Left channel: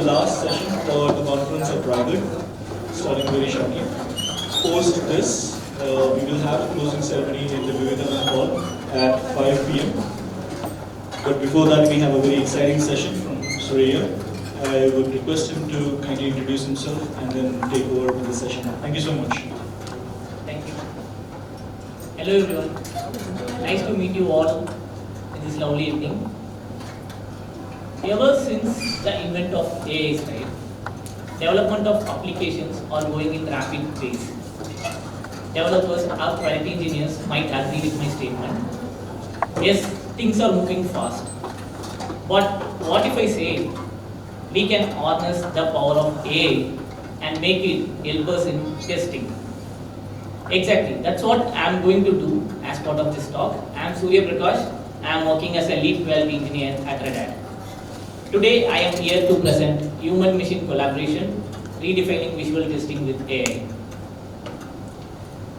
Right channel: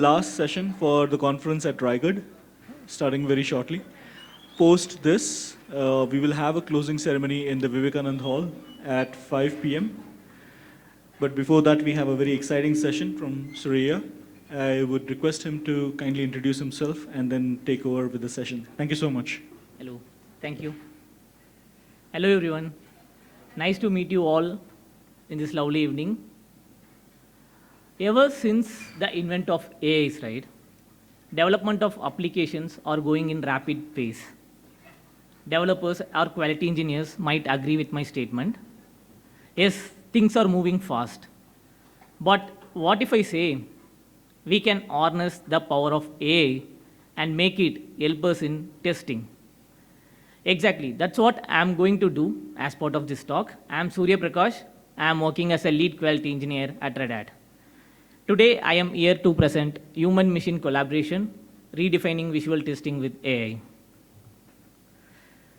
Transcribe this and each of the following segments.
last session for the conference at Raigad, starting very shortly. Post this, we will have a closing ceremony in the Vivekananda Hall at 5 p.m. But before that, we have a very exciting session from Suriya. I would request him to kindly introduce himself and then take over with the session. Thank you so much. Thank you. Hello everyone. Nice to meet you all in this lovely evening. Ever since the invent of AI, right, development of applications are going in rapid pace. Developers or quality engineers might agree with my statement. Yes, things are moving fast. But what if I say we can harness the power of AI and make it help us in testing? Exactly, that's what I am going to do as part of this talk. I am Suriya Prakash. I am working as a lead quality engineer at Red Hat. Today I am here to present human-machine collaboration, redefining visual testing with AI.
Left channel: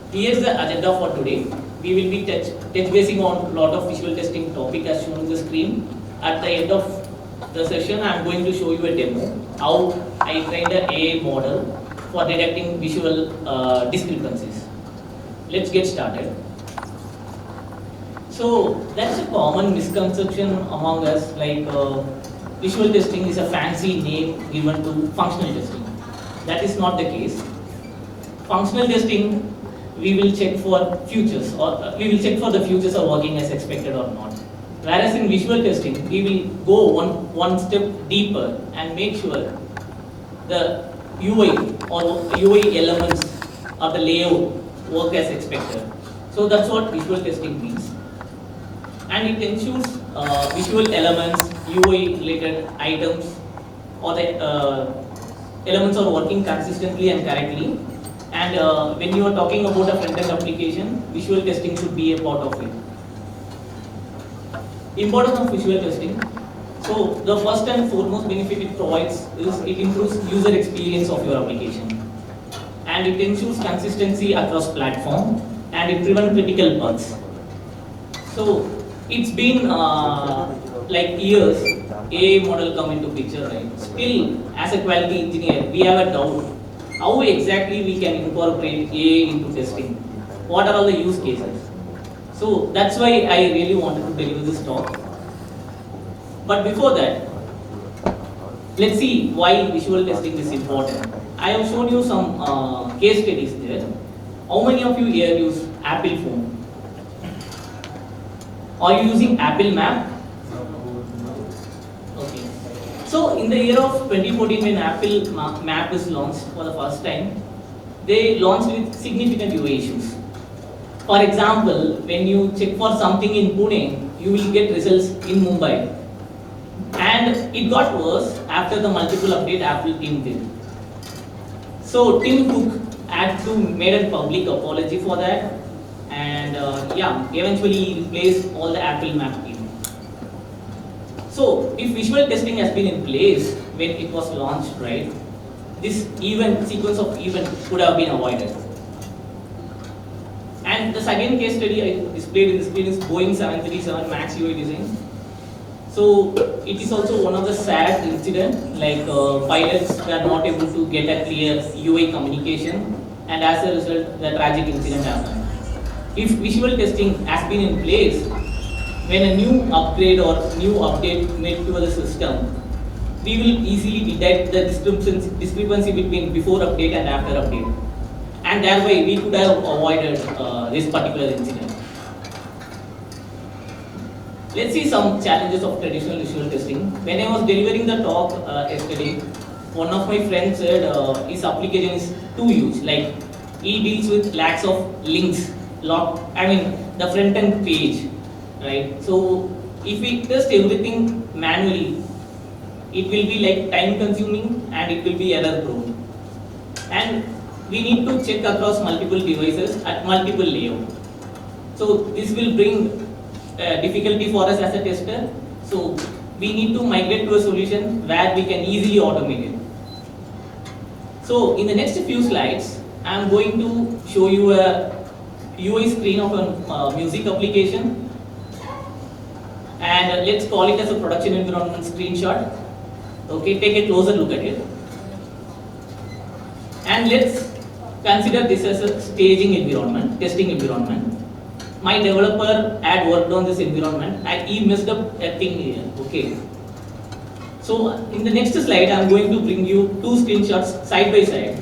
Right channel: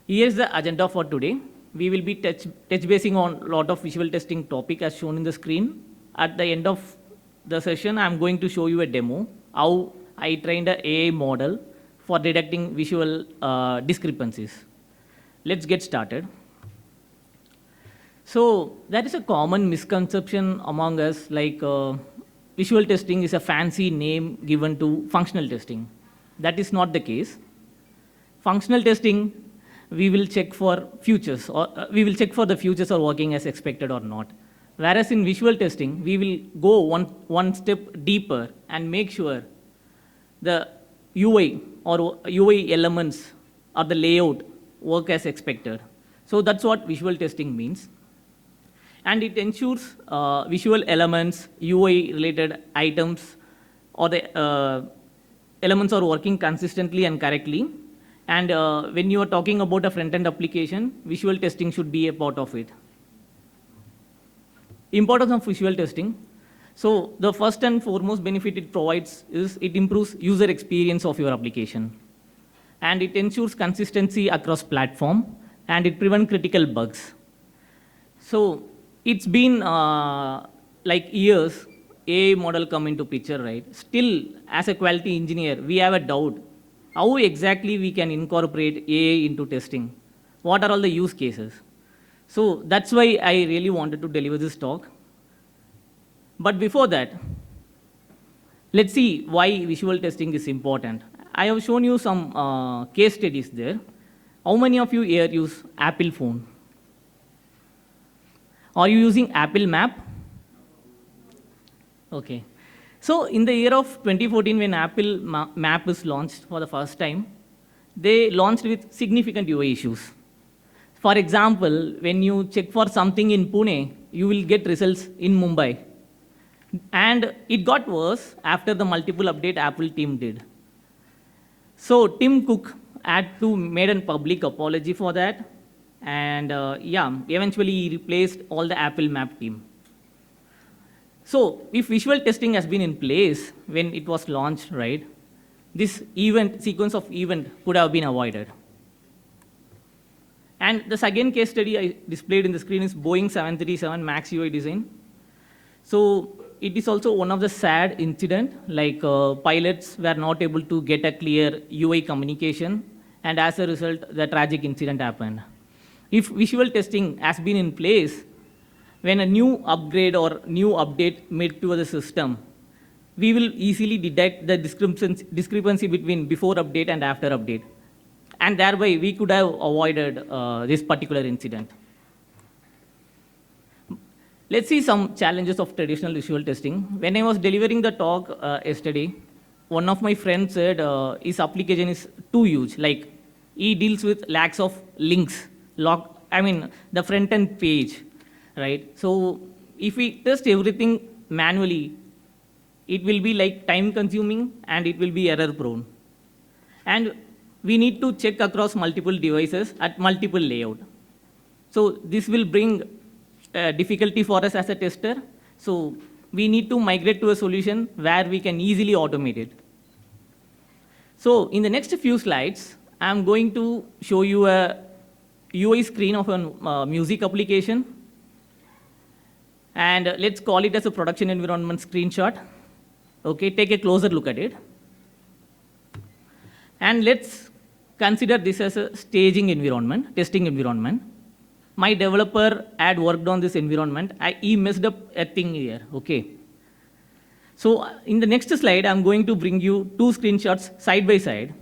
Here is the agenda for today. We will be touch basing on a lot of visual testing topic as shown in the screen. At the end of the session, I am going to show you a demo how I trained an AI model for detecting visual discrepancies. Let's get started. So that's a common misconception among us, like visual testing is a fancy name given to functional testing. That is not the case. Functional testing, we will check for features, or we will check for the features are working as expected or not. Whereas in visual testing, we will go one step deeper and make sure the UI or UI elements or the layout work as expected. So that's what visual testing means. And it ensures visual elements, UI related items, or the elements are working consistently and correctly. And when you are talking about a front-end application, visual testing should be a part of it. Importance of visual testing. So the first and foremost benefit it provides is it improves user experience of your application. And it ensures consistency across platform, and it prevents critical bugs. So it's been like years AI model come into picture, right? Still, as a quality engineer, we have a doubt how exactly we can incorporate AI into testing. What are all the use cases? So that's why I really wanted to deliver this talk. But before that, let's see why visual testing is important. I have shown you some case studies there. How many of you here use Apple phone? Are you using Apple Map? Okay. So in the year of 2014, when Apple Map was launched for the first time, they launched with significant UI issues. For example, when you check for something in Pune, you will get results in Mumbai. And it got worse after the multiple update Apple team did. So Tim Cook had to make a public apology for that, and eventually he replaced all the Apple Map team. So if visual testing has been in place when it was launched, right, this sequence of events could have been avoided. And the second case study I displayed in the screen is Boeing 737 MAX UI design. So it is also one of the sad incidents, like pilots were not able to get a clear UI communication, and as a result, the tragic incident happened. If visual testing has been in place, when a new upgrade or new update made to the system, we will easily detect the discrepancy between before update and after update. And that way we could have avoided this particular incident. Let's see some challenges of traditional visual testing. When I was delivering the talk yesterday, one of my friends said his application is too huge. Like he deals with lakhs of links, the front end page, right? So if we test everything manually, it will be like time consuming and it will be error prone. And we need to check across multiple devices at multiple layouts. So this will bring difficulty for us as a tester. So we need to migrate to a solution where we can easily automate it. So in the next few slides, I am going to show you a UI screen of a music application, and let's call it as a production environment screenshot. Okay, take a closer look at it. And let's consider this as a staging environment, testing environment. My developer had worked on this environment and he messed up a thing here. Okay. So in the next slide, I'm going to bring you two screenshots side by side.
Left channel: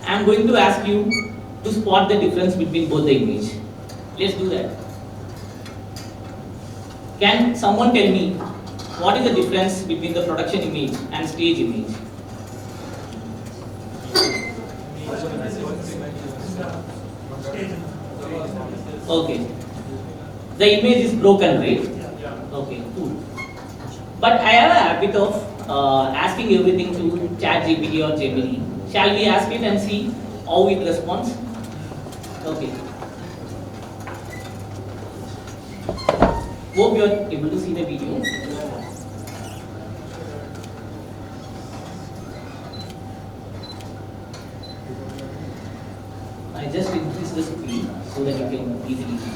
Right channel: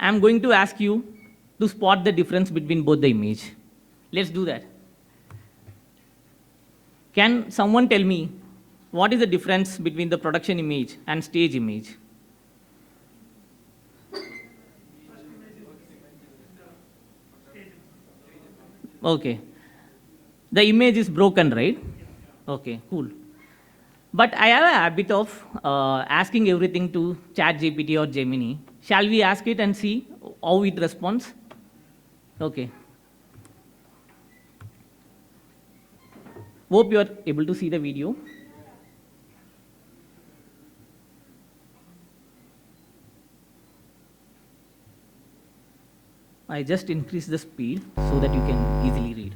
I'm going to ask you to spot the difference between both the images. Let's do that. Can someone tell me what is the difference between the production image and stage image? Okay. The image is broken, right? Okay, cool. But I have a habit of asking everything to ChatGPT or Gemini. Shall we ask it and see how it responds? Okay. Hope you are able to see the video. I just increase the speed so that you can easily see.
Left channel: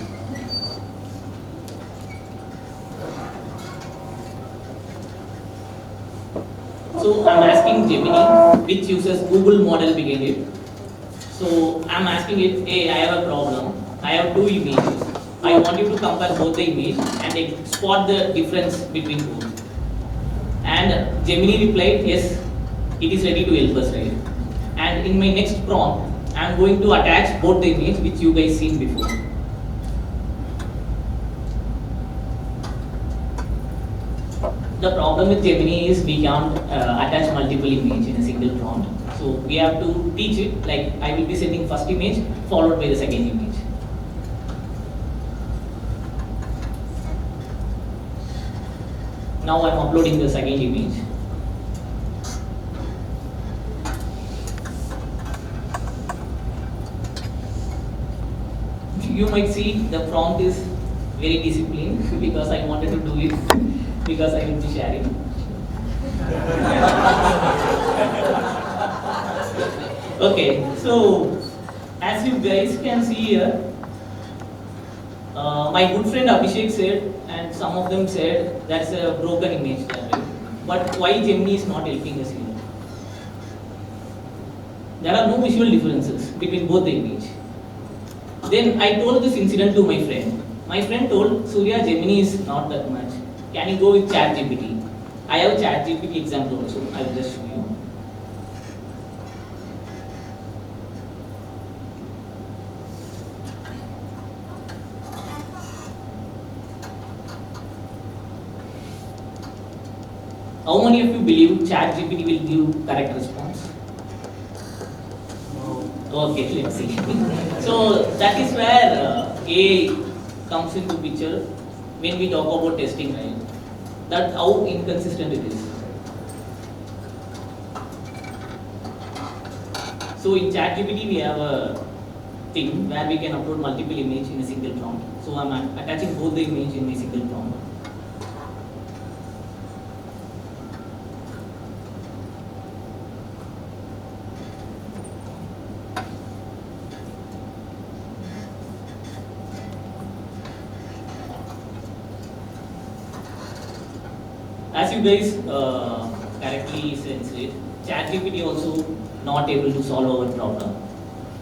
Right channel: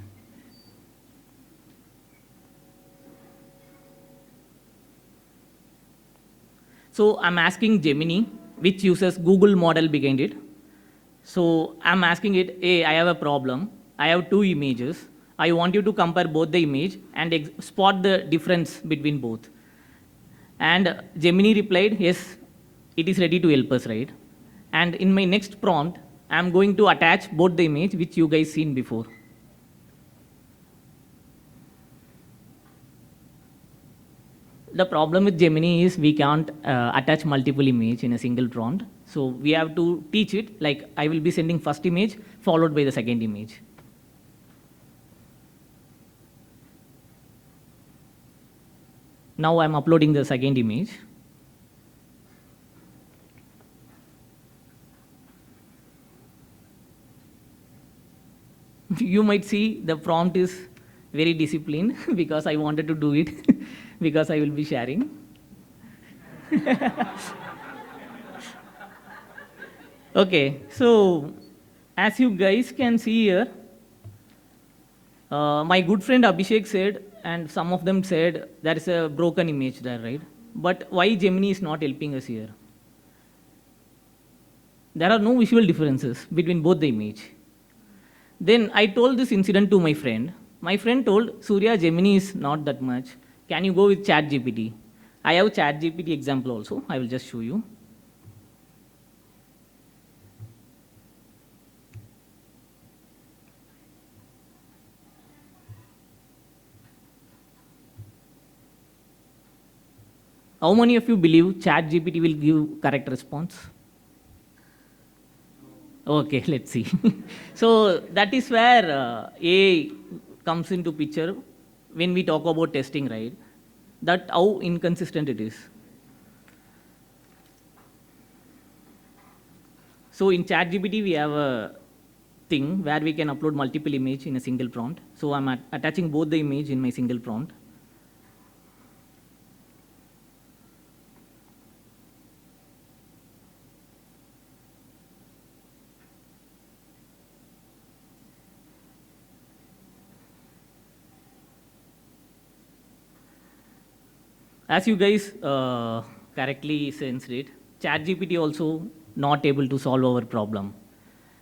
So I'm asking Gemini, which uses Google model behind it. So I'm asking it, hey, I have a problem. I have two images. I want you to compare both the image and spot the difference between both. And Gemini replied, yes, it is ready to help us, right? And in my next prompt, I'm going to attach both the image which you guys seen before. The problem with Gemini is we can't attach multiple images in a single prompt. So we have to teach it, like I will be sending first image followed by the second image. Now I'm uploading the second image. You might see the prompt is very disciplined because I wanted to do it because I will be sharing. Okay, so as you guys can see here, my good friend Abhishek said, and some of them said that's a broken image, that right? But why Gemini is not helping us here? There are no visual differences between both the images. Then I told this incident to my friend. My friend told, Suriya, Gemini is not that much. Can you go with ChatGPT? I have ChatGPT example also. I will just show you. How many of you believe ChatGPT will give correct response? Okay, let's see. So that is where AI comes into picture when we talk about testing, right? That how inconsistent it is. So in ChatGPT we have a thing where we can upload multiple images in a single prompt. So I'm attaching both the image in a single prompt. As you guys correctly sensed it, ChatGPT also not able to solve our problem.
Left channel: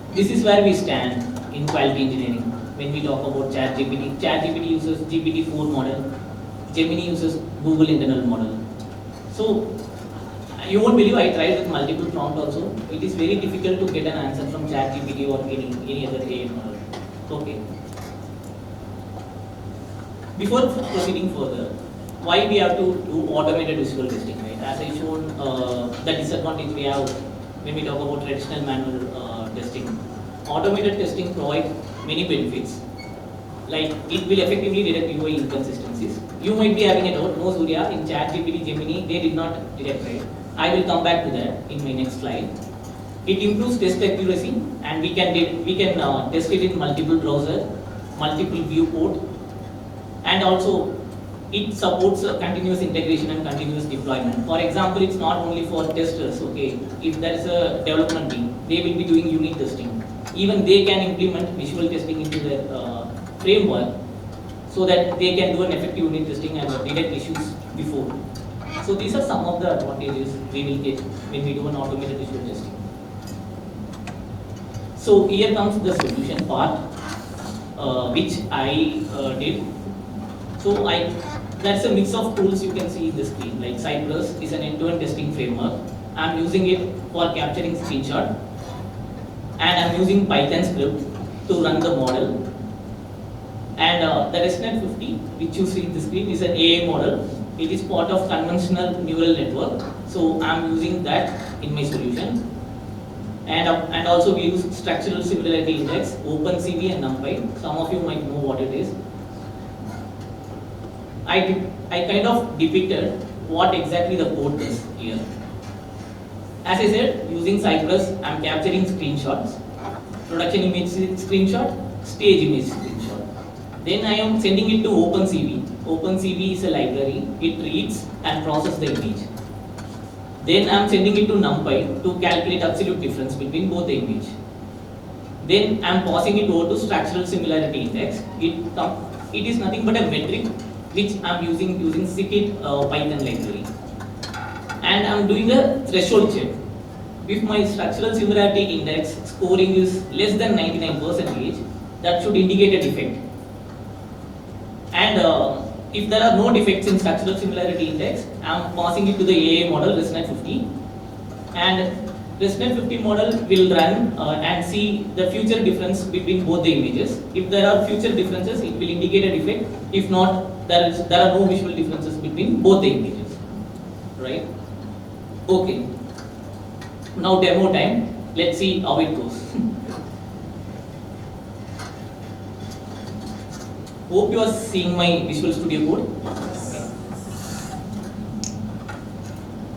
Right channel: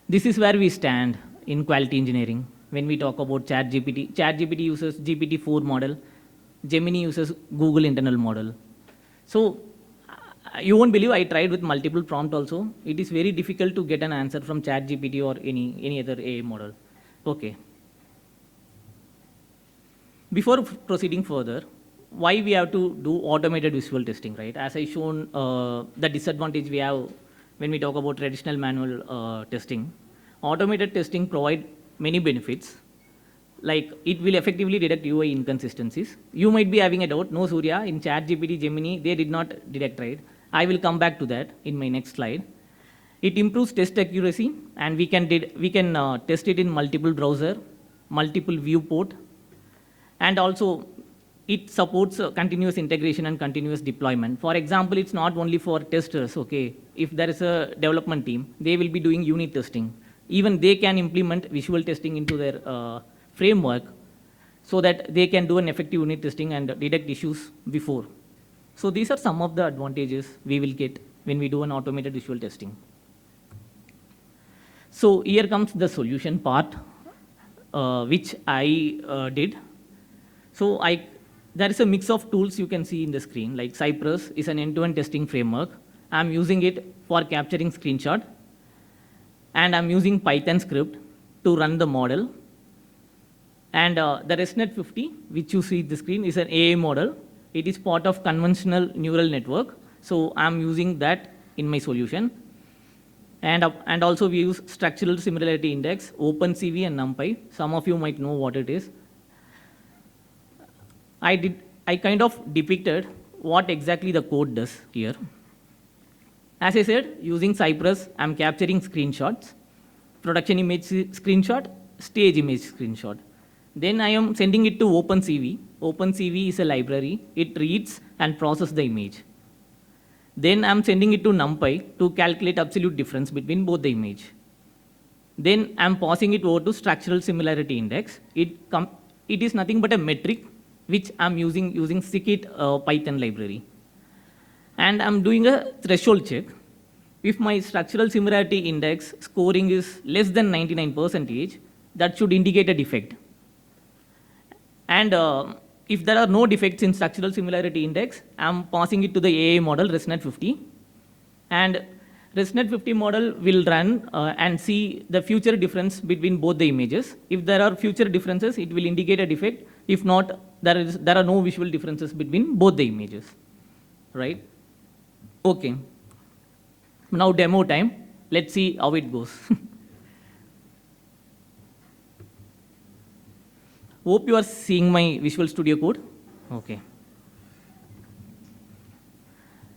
This is where we stand in quality engineering when we talk about ChatGPT. ChatGPT uses GPT-4 model, Gemini uses Google internal model. So you won't believe I tried with multiple prompts also. It is very difficult to get an answer from ChatGPT or any other AI model. Okay. Before proceeding further, why we have to do automated visual testing, right? As I shown, the disadvantage we have when we talk about traditional manual testing. Automated testing provides many benefits, like it will effectively detect UI inconsistencies. You might be having a doubt, no Suriya, in ChatGPT, Gemini, they did not detect, right? I will come back to that in my next slide. It improves test accuracy, and we can test it in multiple browsers, multiple viewport, and also it supports continuous integration and continuous deployment. For example, it's not only for testers, okay? If there's a development team, they will be doing unit testing. Even they can implement visual testing into their framework so that they can do an effective unit testing and detect issues before. So these are some of the advantages we will get when we do an automated visual testing. So here comes the solution part, which I did. So there is a mix of tools you can see in the screen. Like Cypress is an end-to-end testing framework. I'm using it for capturing screenshot, and I'm using Python script to run the model. And the ResNet 50, which you see in the screen, is an AI model. It is part of conventional neural network, so I'm using that in my solution. And also we use structural similarity index, OpenCV and NumPy. Some of you might know what it is. I kind of depicted what exactly the code does here. As I said, using Cypress, I'm capturing screenshots, production image screenshot, stage image screenshot. Then I am sending it to OpenCV. OpenCV is a library. It reads and processes the image. Then I am sending it to NumPy to calculate absolute difference between both the image. Then I am passing it over to structural similarity index. It is nothing but a metric which I am using scikit Python library. And I am doing a threshold check. If my structural similarity index scoring is less than 99%, that should indicate a defect. And if there are no defects in structural similarity index, I am passing it to the AI model ResNet 50, and ResNet 50 model will run and see the future difference between both the images. If there are future differences, it will indicate a defect. If not, there are no visual differences between both the images. Right? Okay. Now demo time. Let's see how it goes. Hope you are seeing my Visual Studio code. Okay.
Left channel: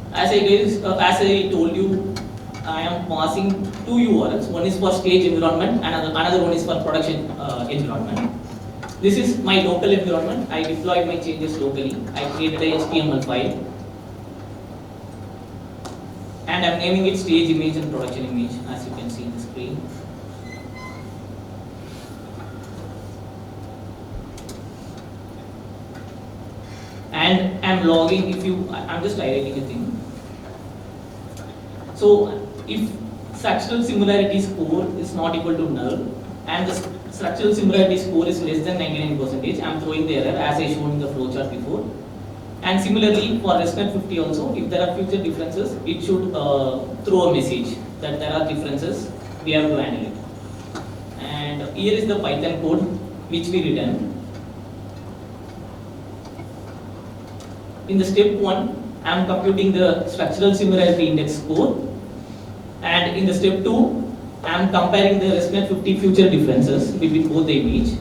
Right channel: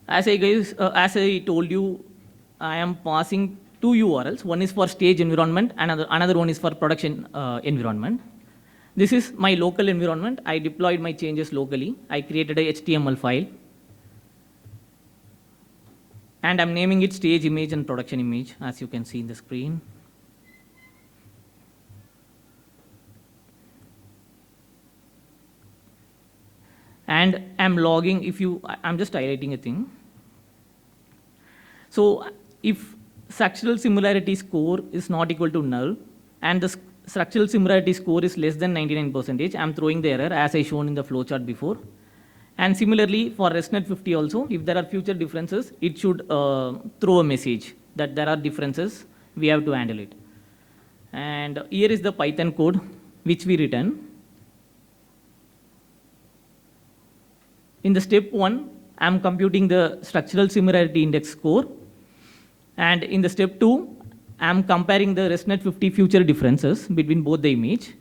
As I told you, I am passing two URLs. One is for stage environment and another one is for production environment. This is my local environment. I deployed my changes locally. I created a HTML file. And I'm naming it stage image and production image, as you can see in the screen. And I'm logging, I'm just highlighting a thing. So if structural similarity score is not equal to null and the structural similarity score is less than 99%, I'm throwing the error as I shown in the flowchart before. And similarly for ResNet 50 also, if there are future differences, it should throw a message that there are differences, we have to handle it. And here is the Python code which we written. In the step 1, I am computing the structural similarity index score, and in the step 2, I am comparing the ResNet 50 future differences between both the image,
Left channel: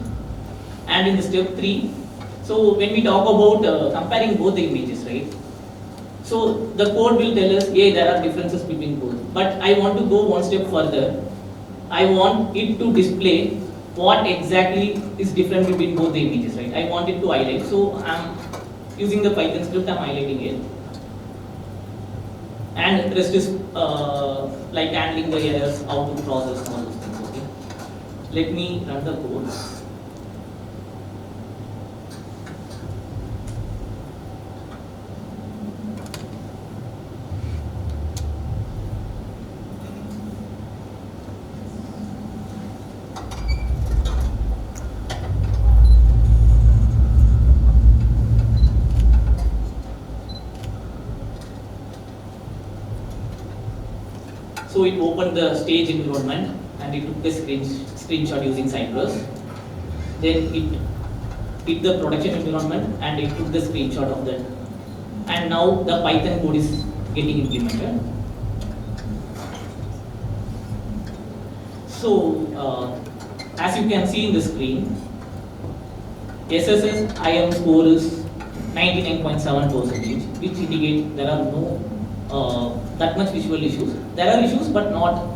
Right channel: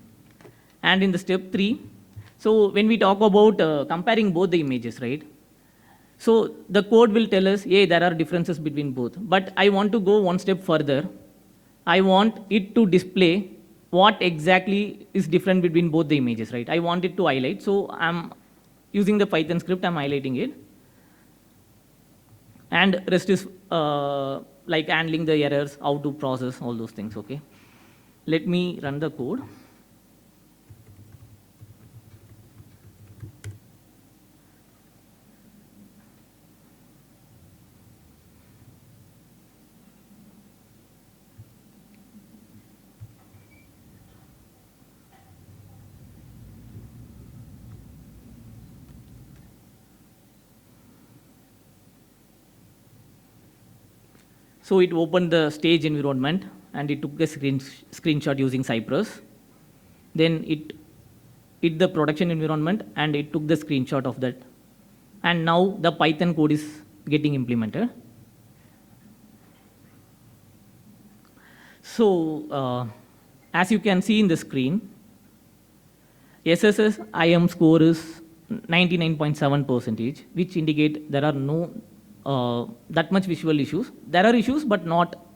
and in the step 3, so when we talk about comparing both the images, right? So the code will tell us, hey, there are differences between both, but I want to go one step further. I want it to display what exactly is different between both the images, right? I want it to highlight, so I'm using the Python script, I'm highlighting it. And rest is like handling the errors, how to process all those things, okay? Let me run the code. So it opened the stage environment and it took the screenshot using Cypress. Then it hit the production environment and it took the screenshot of that. And now the Python code is getting implemented. So as you can see in the screen, SSS IM score is 99.7%, which indicates there are no that much visual issues. There are issues, but not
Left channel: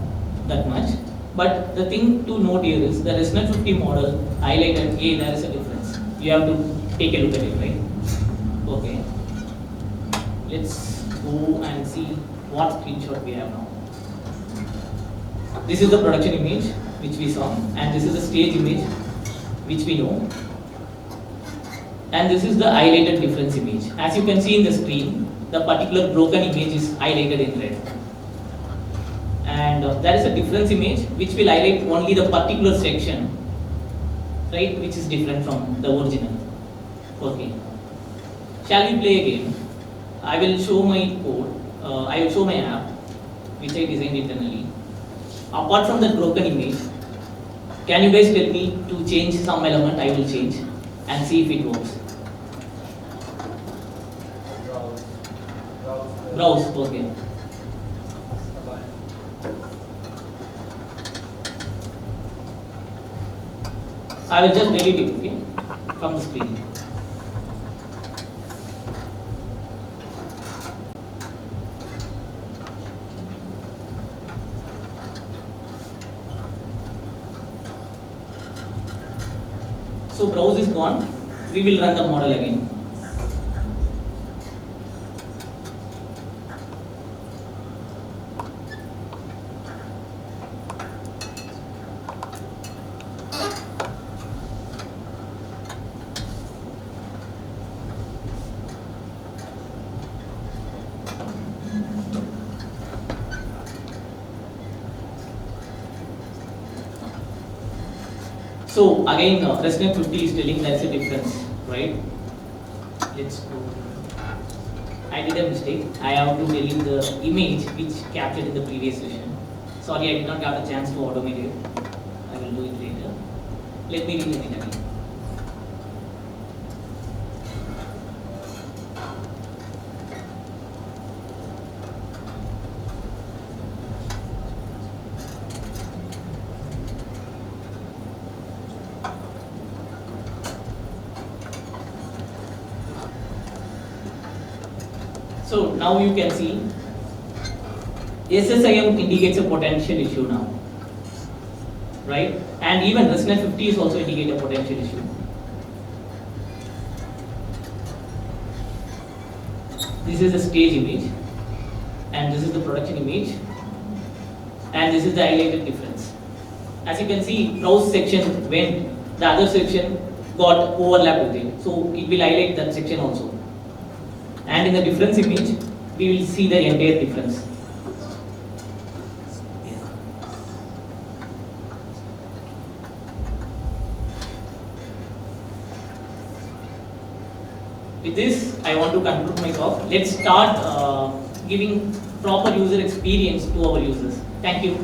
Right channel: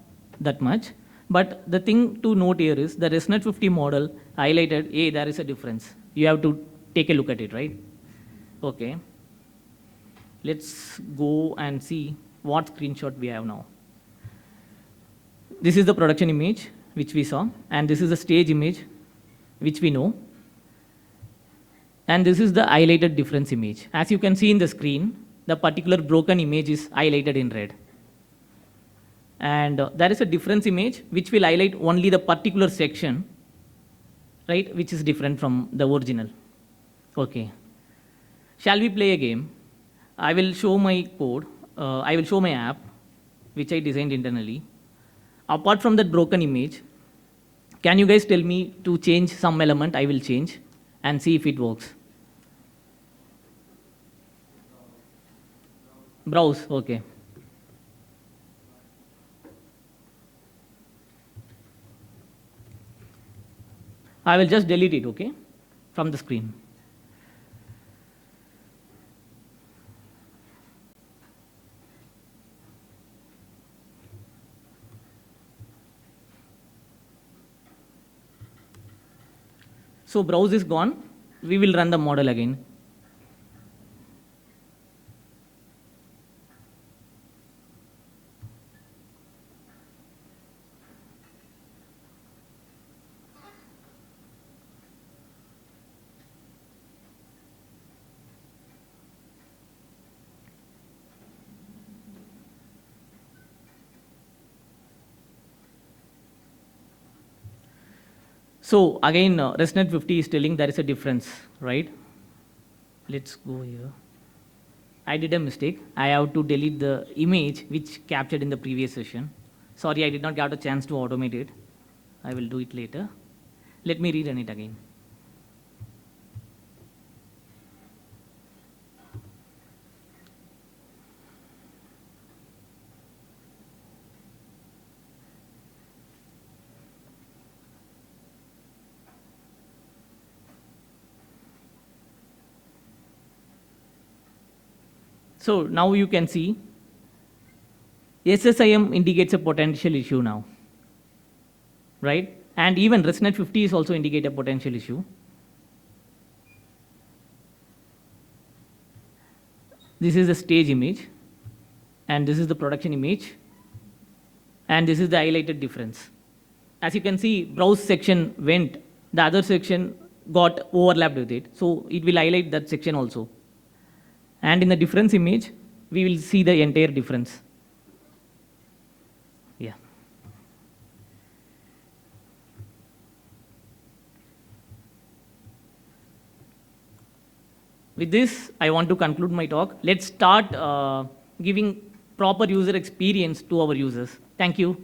that much. But the thing to note here is the ResNet 50 model highlighted, hey, there is a difference. You have to take a look at it, right? Okay. Let's go and see what screenshot we have now. This is the production image which we saw, and this is the stage image which we know. And this is the highlighted difference image. As you can see in the screen, the particular broken image is highlighted in red. And there is a difference image which will highlight only the particular section, right, which is different from the original. Okay. Shall we play a game? I will show my code, I will show my app, which I designed internally. Apart from the broken image, can you guys tell me to change some element? I will change and see if it works. Browse, okay. I will just delete it, okay, from the screen. So browse is gone. We will run the model again. So again, President 50 is telling there is a difference, right? Let's go. I did a mistake. I have to delete the image which captured in the previous session. Sorry, I did not have the chance to automate it. I will do it later. Let me rename it again. So now you can see SSIM indicates a potential issue now, right? And even ResNet 50 is also indicate a potential issue. This is the stage image, and this is the production image, and this is the highlighted difference. As you can see, browse section went, the other section got overlapped with it, so it will highlight that section also. And in the difference image, we will see the entire difference. Yeah. With this, I want to conclude my talk. Let's start giving proper user experience to our users. Thank you.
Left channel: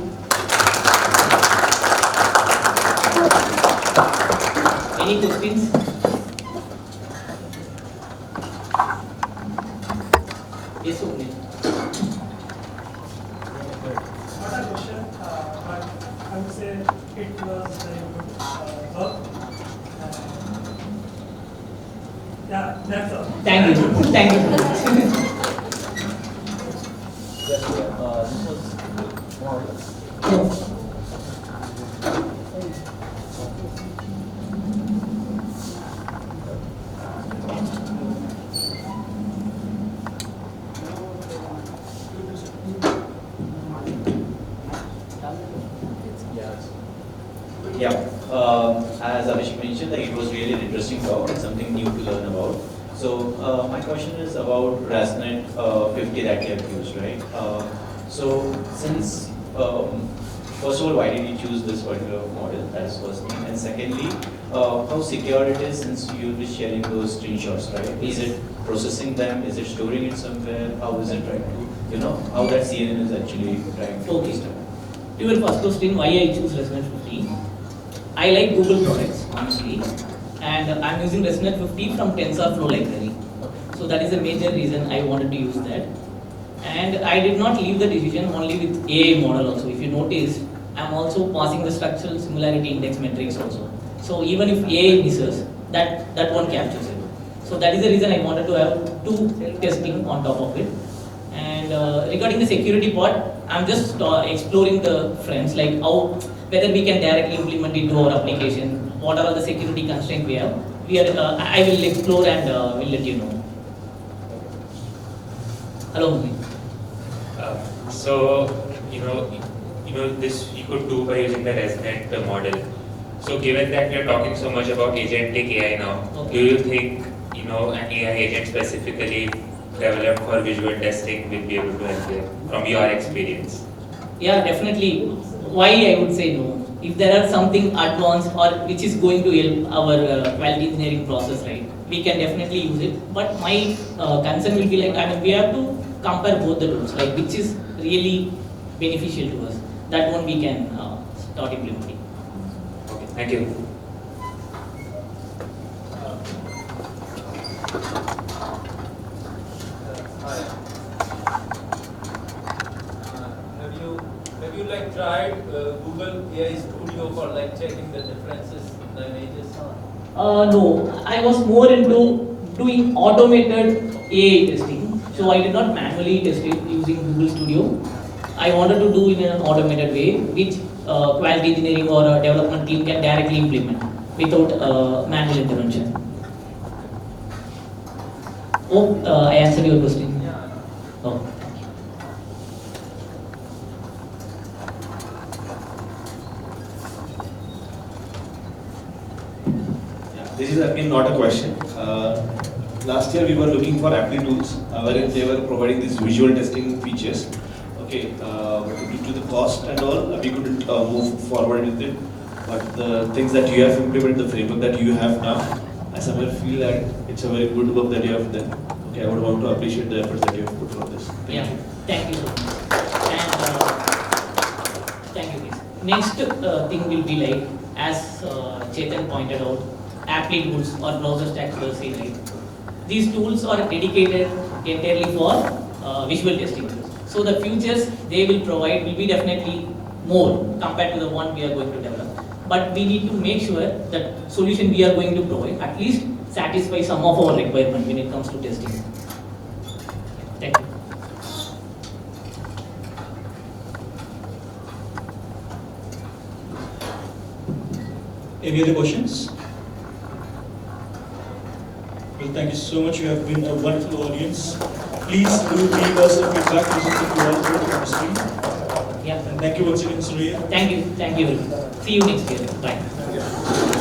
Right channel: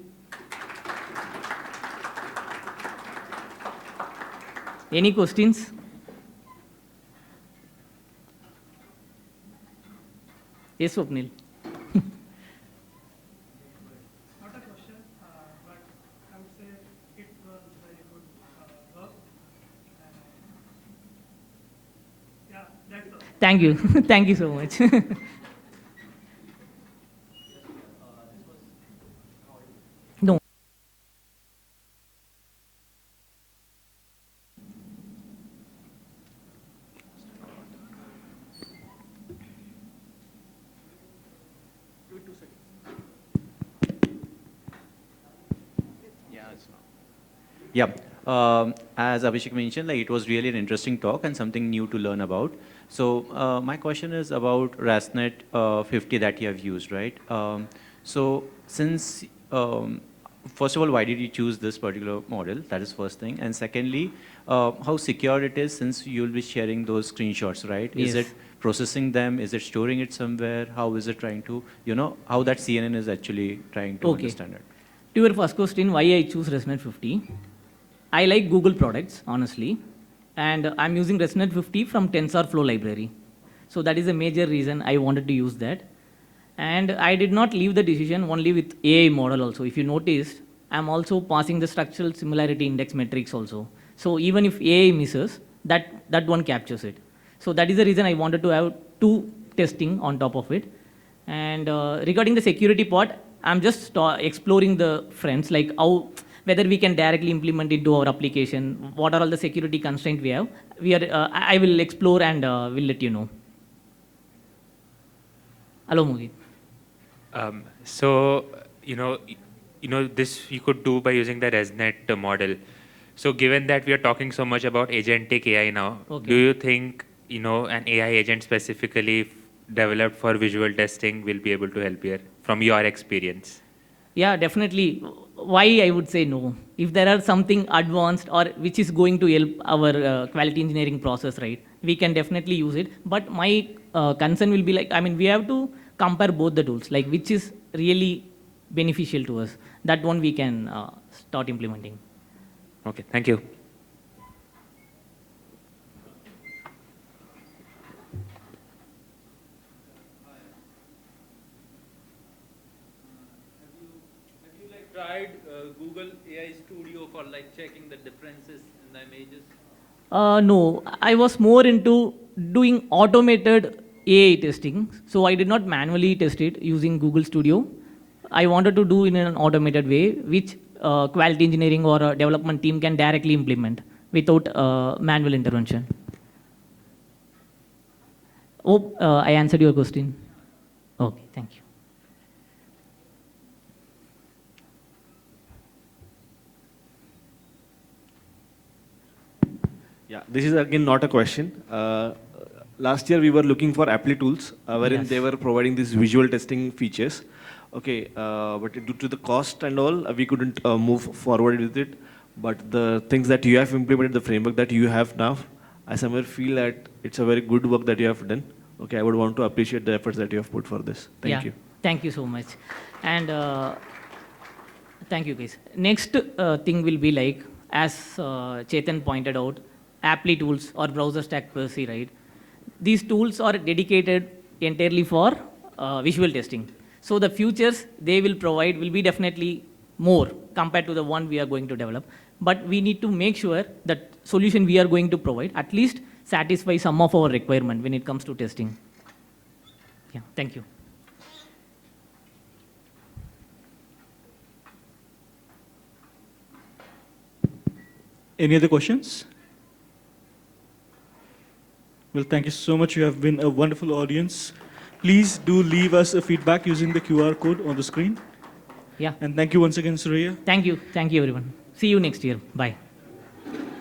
Any questions? Yes, Swapnil. Not a question, but I would say it was very good work. Yeah, that's all. Thank you. Thank you. This was more or less. Yeah, as Abhishek mentioned, like, it was really an interesting talk and something new to learn about. So my question is about ResNet 50 that you have used, right? So since, first of all, why did you choose this particular model? That is first thing. And secondly, how secure it is since you'll be sharing those screenshots, right? Is it processing them? Is it storing it somewhere? How is it trying to, how that CNN is actually trying to understand? To your first question, why I choose ResNet 50? I like Google products, honestly, and I'm using ResNet 50 from TensorFlow library. So that is a major reason I wanted to use that. And I did not leave the decision only with AI model also. If you notice, I'm also passing the structural similarity index metrics also. So even if AI misses, that one captures it. So that is the reason I wanted to have two testing on top of it. And regarding the security part, I'm just exploring the fronts, like how, whether we can directly implement it to our application, what are the security constraints we have. I will explore and will let you know. Hello. So, this you could do by using the ResNet model. So given that we are talking so much about agentic AI now, Okay. do you think, an AI agent specifically developed for visual testing will be able to help you from your experience? Yeah, definitely. Why I would say no? If there are something advanced or which is going to help our quality engineering process, right? We can definitely use it. But my concern will be like, I mean, we have to compare both the tools, like which is really beneficial to us. That one we can start implementing. Okay, thank you. Hi. Have you like tried Google AI Studio for like checking the differences in the images? No, I was more into doing automated AI testing. So I did not manually test it using Google Studio. I wanted to do in an automated way, which quality engineering or a development team can directly implement without manual intervention. Oh, I answered your question. Oh, This is again not a question. Last year we were looking for appli tools wherein they were providing these visual testing features. Okay, but due to the cost and all, we couldn't move forward with it. But the things that you have implemented, the framework that you have now, I somewhere feel that it's a very good work that you have done. Okay, I would want to appreciate the efforts that you have put for this. yeah, thank you so much. And thank you, please. Next thing will be like, as Chetan pointed out, appli tools or browser stack policy, right? These tools are dedicated entirely for visual testing. So the features they will provide will be definitely more compared to the one we are going to develop. But we need to make sure that solution we are going to provide at least satisfy some of our requirement when it comes to testing. Thank you. Any other questions? Well, thank you so much. You have been a wonderful audience. Please do leave us a feedback using the QR code on the screen. Yeah. And thank you once again, Suriya. Thank you. Thank you. See you next year. Bye.